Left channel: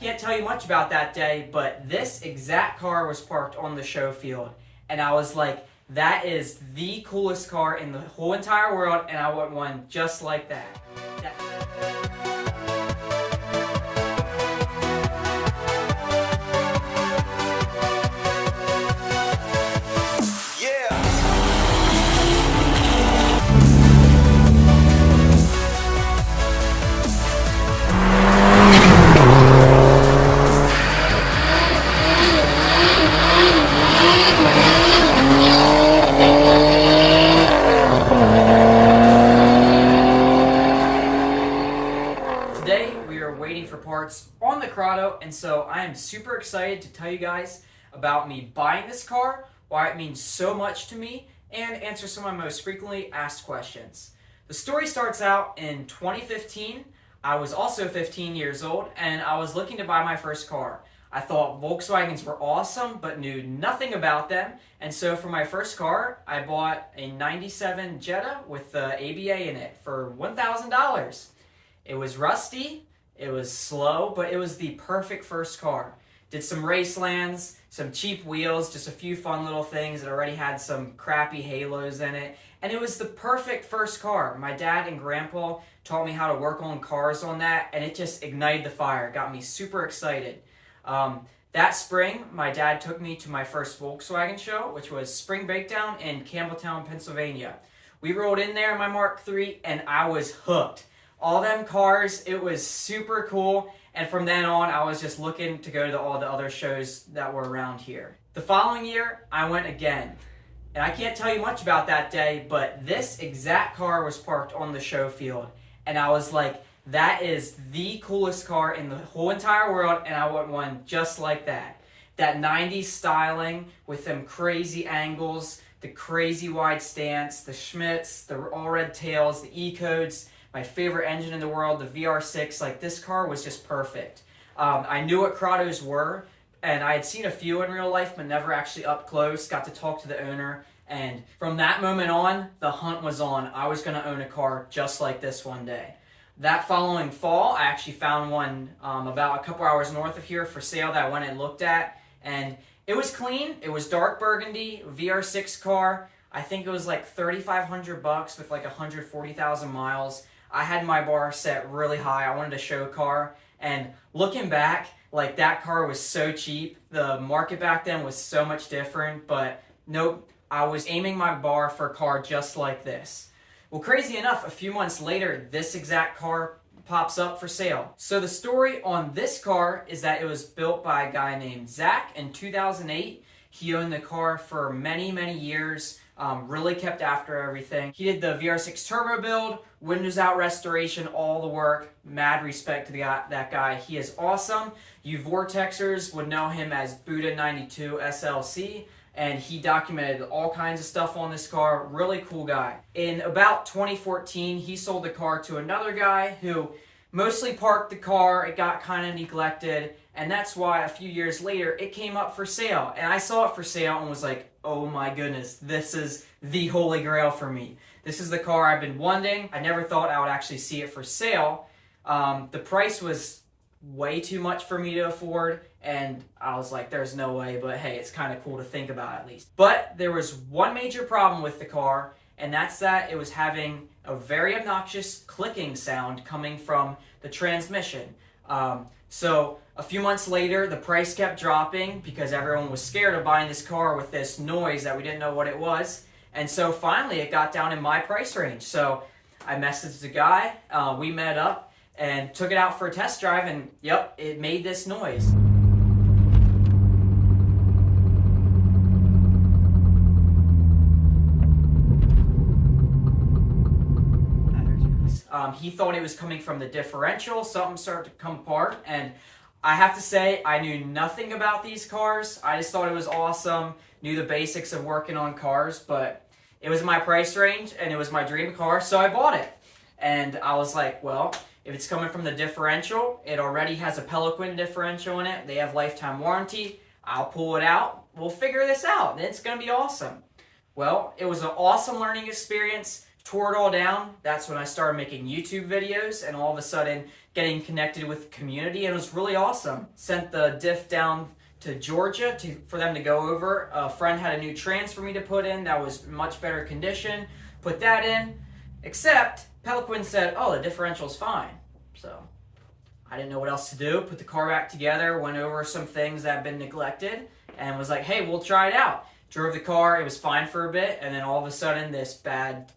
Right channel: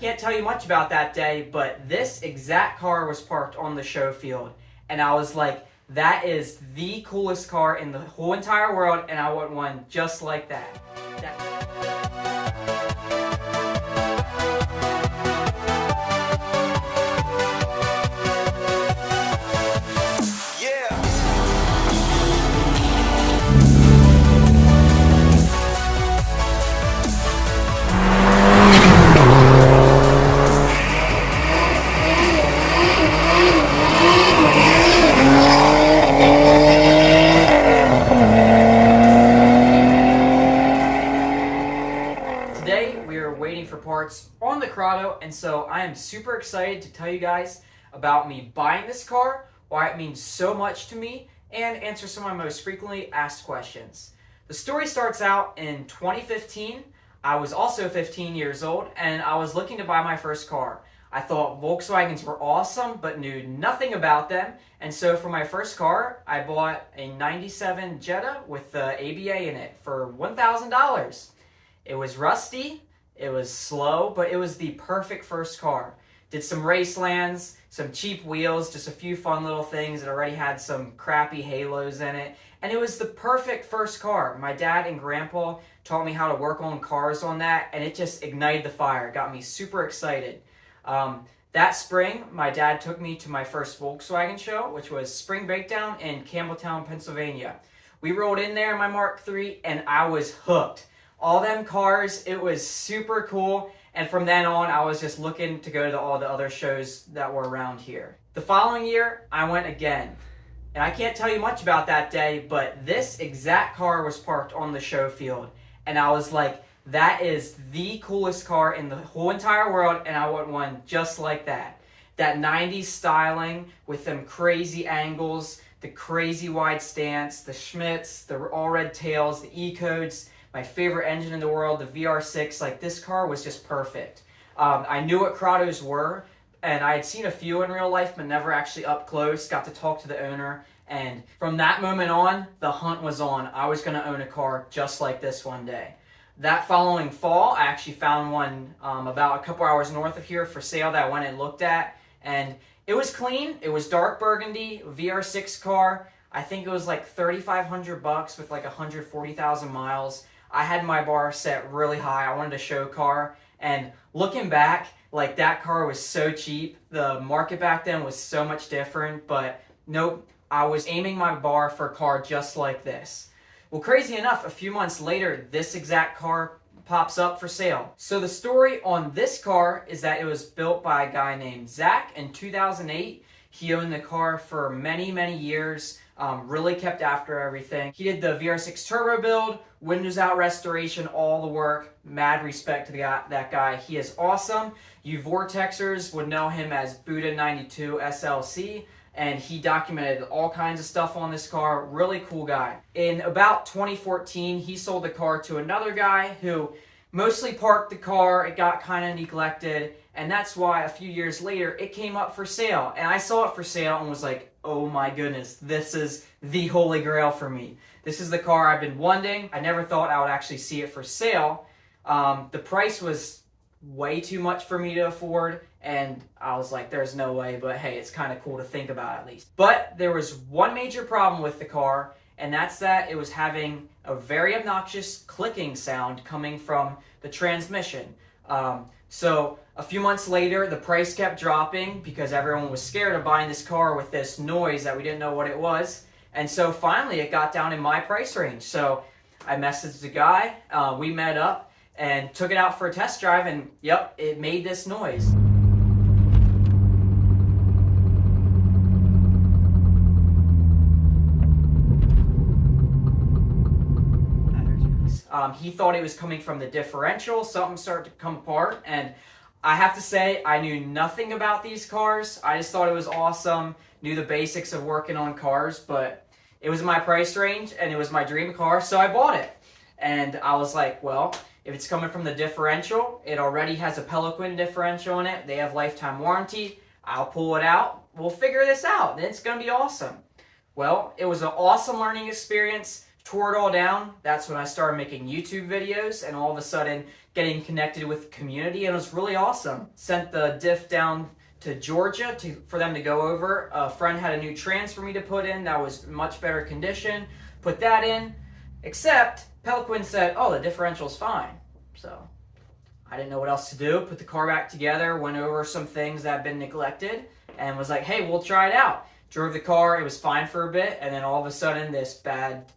Can't tell you much about that day, but this exact car was parked on the show field. And I was like, that is the coolest car in the whole entire world, and I want one just like that. Today we are waiting for parts on the Corrado, and so I am super excited to tell you guys about me buying this car, why it means so much to me, and answer some of my most frequently asked questions. The story starts out in 2015. I was also 15 years old, and I was looking to buy my first car. I thought Volkswagens were awesome, but knew nothing about them, and so for my first car, I bought a 97 Jetta with the ABA in it for $1,000. It was rusty, it was slow, but it was the perfect first car. Did some race lands, some cheap wheels, just a few fun little things that already had some crappy halos in it. And it was the perfect first car. My dad and grandpa taught me how to work on cars on that, and it just ignited the fire. It got me super excited. That spring, my dad took me to my first Volkswagen show, which was Spring Breakdown in Campbelltown, Pennsylvania. We rolled in there in my Mark III, and I was hooked. All them cars, it was super cool, and from then on, I was just looking to go to all the other shows that were around here. The following year, I went again, and I can't tell you much about that day, but this exact car was parked on the show field, and I was like, that is the coolest car in the whole entire world, and I want one just like that. That 90s styling with them crazy angles, the crazy wide stance, the Schmitz, the all red tails, the E-codes, my favorite engine in the world, the VR6. Like, this car was just perfect. I knew what Corrados were, and I had seen a few in real life, but never actually up close. Got to talk to the owner, and from that moment on, the hunt was on. I was going to own a car just like this one day. That following fall, I actually found one about a couple hours north of here for sale that I went and looked at, and it was clean. It was dark burgundy, VR6 car. I think it was like $3,500 with like 140,000 miles. I had my bar set really high. I wanted a show car, and looking back, like, that car was so cheap. The market back then was so much different, but nope, I was aiming my bar for a car just like this. Well, crazy enough, a few months later, this exact car pops up for sale. So the story on this car is that it was built by a guy named Zach in 2008. He owned the car for many, many years. Really kept after everything. He did the VR6 turbo build, windows out restoration, all the work. Mad respect to that guy. He is awesome. You Vortexers would know him as Buddha92 SLC, and he documented all kinds of stuff on this car. Really cool guy. In about 2014, he sold the car to another guy who mostly parked the car. It got kind of neglected, and that's why a few years later it came up for sale. And I saw it for sale and was like, oh my goodness, this is the holy grail for me. This is the car I've been wanting. I never thought I would actually see it for sale. The price was way too much for me to afford, and I was like, there's no way, but hey, it's kind of cool to think about at least. But there was one major problem with the car, and that's that it was having a very obnoxious clicking sound coming from the transmission. So a few months later, the price kept dropping because everyone was scared of buying this car with this noise that we didn't know what it was. And so finally it got down in my price range. So I messaged the guy, we met up and took it out for a test drive, and yep, it made this noise. He thought it was coming from the differential. Something started to come apart, and I have to say, I knew nothing about these cars. I just thought it was awesome, knew the basics of working on cars, but it was my price range, and it was my dream car, so I bought it. And I was like, well, if it's coming from the differential, it already has a Pelican differential in it. They have lifetime warranty. I'll pull it out. We'll figure this out. It's going to be awesome. Well, it was an awesome learning experience. tore it all down, that's when I started making YouTube videos and all of a sudden getting connected with the community, and it was really awesome. Sent the diff down to Georgia for them to go over. A friend had a new trans for me to put in that was much better condition. Put that in, except Peliquin said, oh, the differential's fine. So I didn't know what else to do. Put the car back together, went over some things that had been neglected, and was like, hey, we'll try it out. Drove the car, it was fine for a bit, and then all of a sudden this bad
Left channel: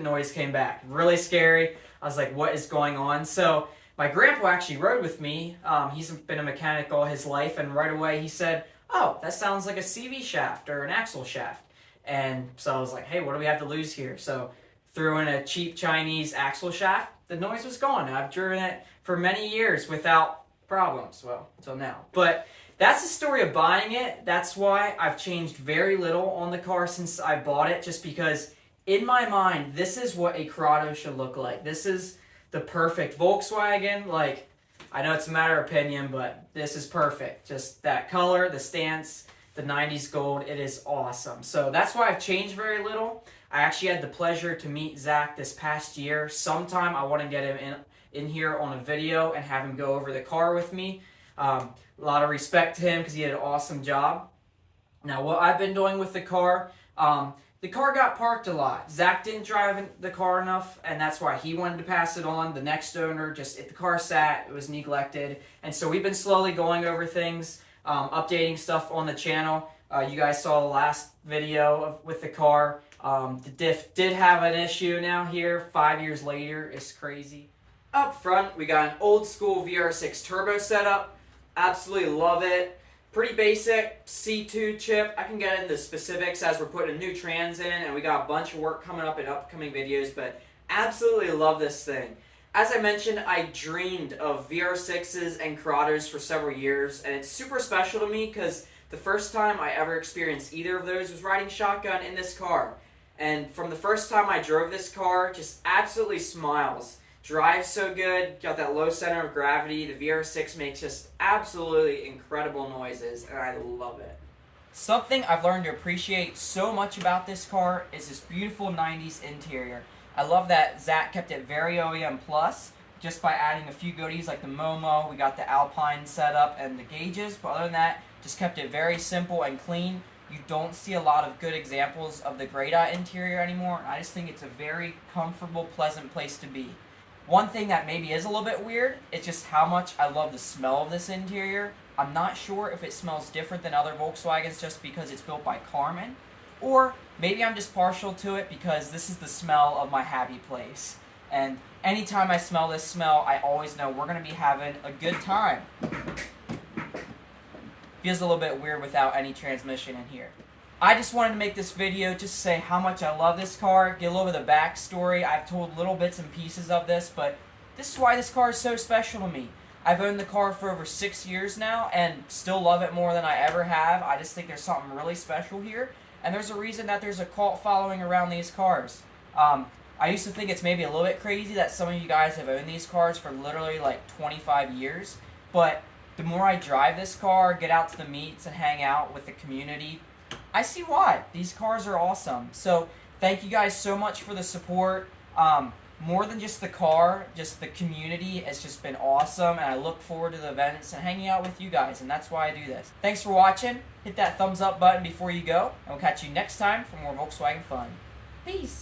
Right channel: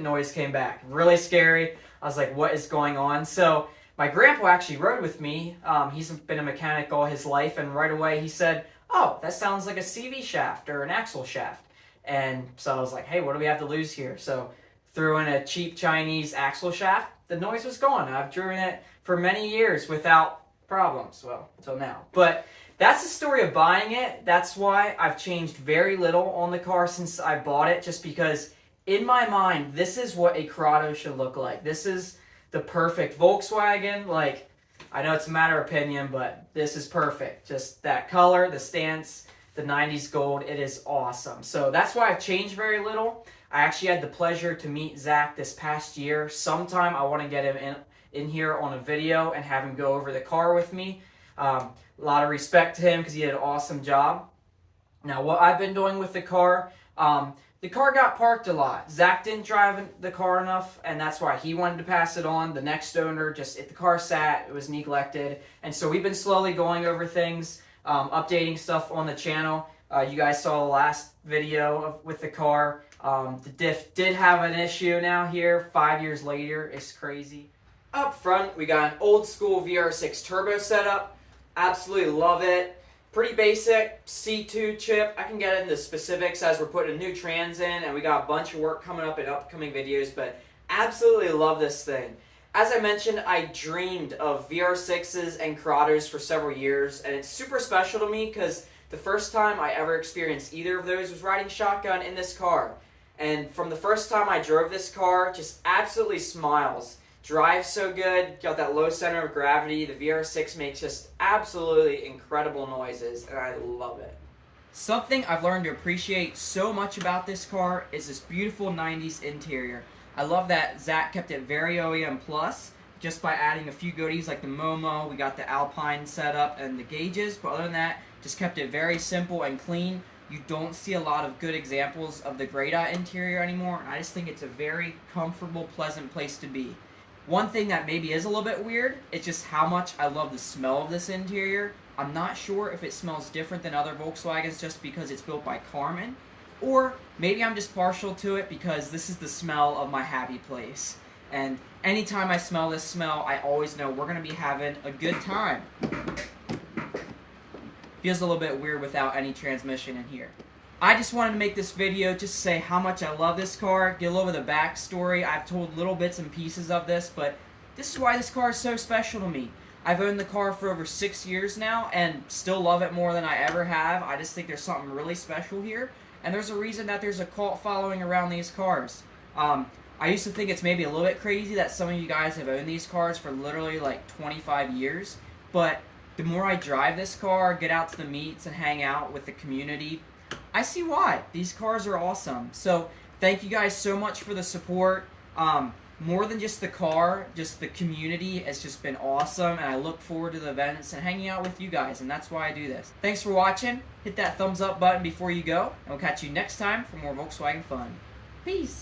noise came back. Really scary. I was like, what is going on? So my grandpa actually rode with me. He's been a mechanic all his life, and right away he said, oh, that sounds like a CV shaft or an axle shaft. And so I was like, hey, what do we have to lose here? So threw in a cheap Chinese axle shaft. The noise was gone, and I've driven it for many years without problems, well, until now. But that's the story of buying it. That's why I've changed very little on the car since I bought it, just because in my mind, this is what a Corrado should look like. This is the perfect Volkswagen. Like, I know it's a matter of opinion, but this is perfect. Just that color, the stance, the 90s gold, it is awesome. So that's why I've changed very little. I actually had the pleasure to meet Zach this past year. Sometime I want to get him in here on a video and have him go over the car with me. A lot of respect to him because he did an awesome job. Now, what I've been doing with the car got parked a lot. Zach didn't drive the car enough, and that's why he wanted to pass it on. The next owner, if the car sat, it was neglected. And so we've been slowly going over things, updating stuff on the channel. You guys saw the last video with the car. The diff did have an issue now here, 5 years later. It's crazy. Up front, we got an old school VR6 turbo setup. Absolutely love it. Pretty basic C2 chip. I can get into specifics as we're putting a new trans in, and we got a bunch of work coming up in upcoming videos, but absolutely love this thing. As I mentioned, I dreamed of VR6s and Corrados for several years, and it's super special to me because the first time I ever experienced either of those was riding shotgun in this car. And from the first time I drove this car, just absolutely smiles. Drives so good, got that low center of gravity. The VR6 makes just absolutely incredible noises, and I love it. Something I've learned to appreciate so much about this car is this beautiful 90s interior. I love that Zach kept it very OEM plus, just by adding a few goodies like the Momo. We got the Alpine setup and the gauges, but other than that, just kept it very simple and clean. You don't see a lot of good examples of the grayed out interior anymore, and I just think it's a very comfortable, pleasant place to be. One thing that maybe is a little bit weird is just how much I love the smell of this interior. I'm not sure if it smells different than other Volkswagens just because it's built by Carmen, or maybe I'm just partial to it because this is the smell of my happy place. And anytime I smell this smell, I always know we're going to be having a good time. Feels a little bit weird without any transmission in here. I just wanted to make this video just to say how much I love this car, get a little bit of the backstory. I've told little bits and pieces of this, but this is why this car is so special to me. I've owned the car for over 6 years now and still love it more than I ever have. I just think there's something really special here, and there's a reason that there's a cult following around these cars. I used to think it's maybe a little bit crazy that some of you guys have owned these cars for literally like 25 years, but the more I drive this car, get out to the meets and hang out with the community, I see why. These cars are awesome. So thank you guys so much for the support. More than just the car, just the community has just been awesome, and I look forward to the events and hanging out with you guys, and that's why I do this. Thanks for watching. Hit that thumbs up button before you go, and we'll catch you next time for more Volkswagen fun. Peace.